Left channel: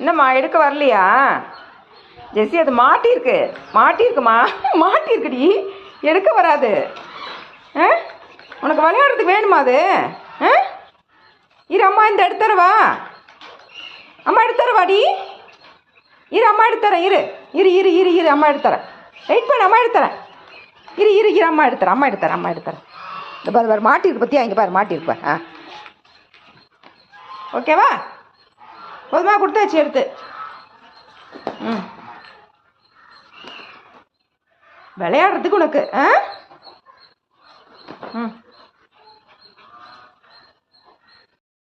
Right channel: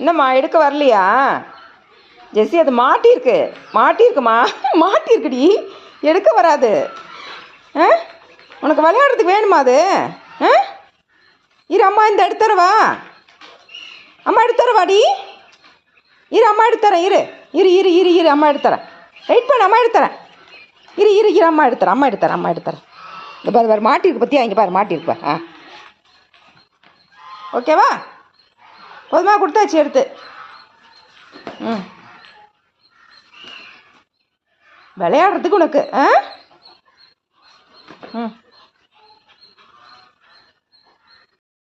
என்னம்மா எடுக்க வரலையா ஜெஸ்ஸி? அது மாட்டியிருக்குமா மாட்டியிருக்குடி, எடுக்க வராது. ஆ உனக்கு விளையாடுறதுக்கு வேணுமா அது? ஆ இரு அம்மா இந்த எடுத்துறவா, அம்மா எடுத்துறவாடி, இரு அம்மா எடுத்துறேன், இரு இரு இரு இரு இரு அம்மா எடுத்துறேன், வெயிட் பண்ண, அம்மா எடுத்துறேன், இரு இரு இரு அம்மா எடுத்துறேன். இந்த பாரு மாட்டிருக்கு பற்றியா, இங்கே பாரு மாட்டிருக்கு பாரு. ஓகேவா? போதுமா? கொடுத்தாச்சு எடுத்து. விளையாடுறதுக்கு உனக்கு. ம்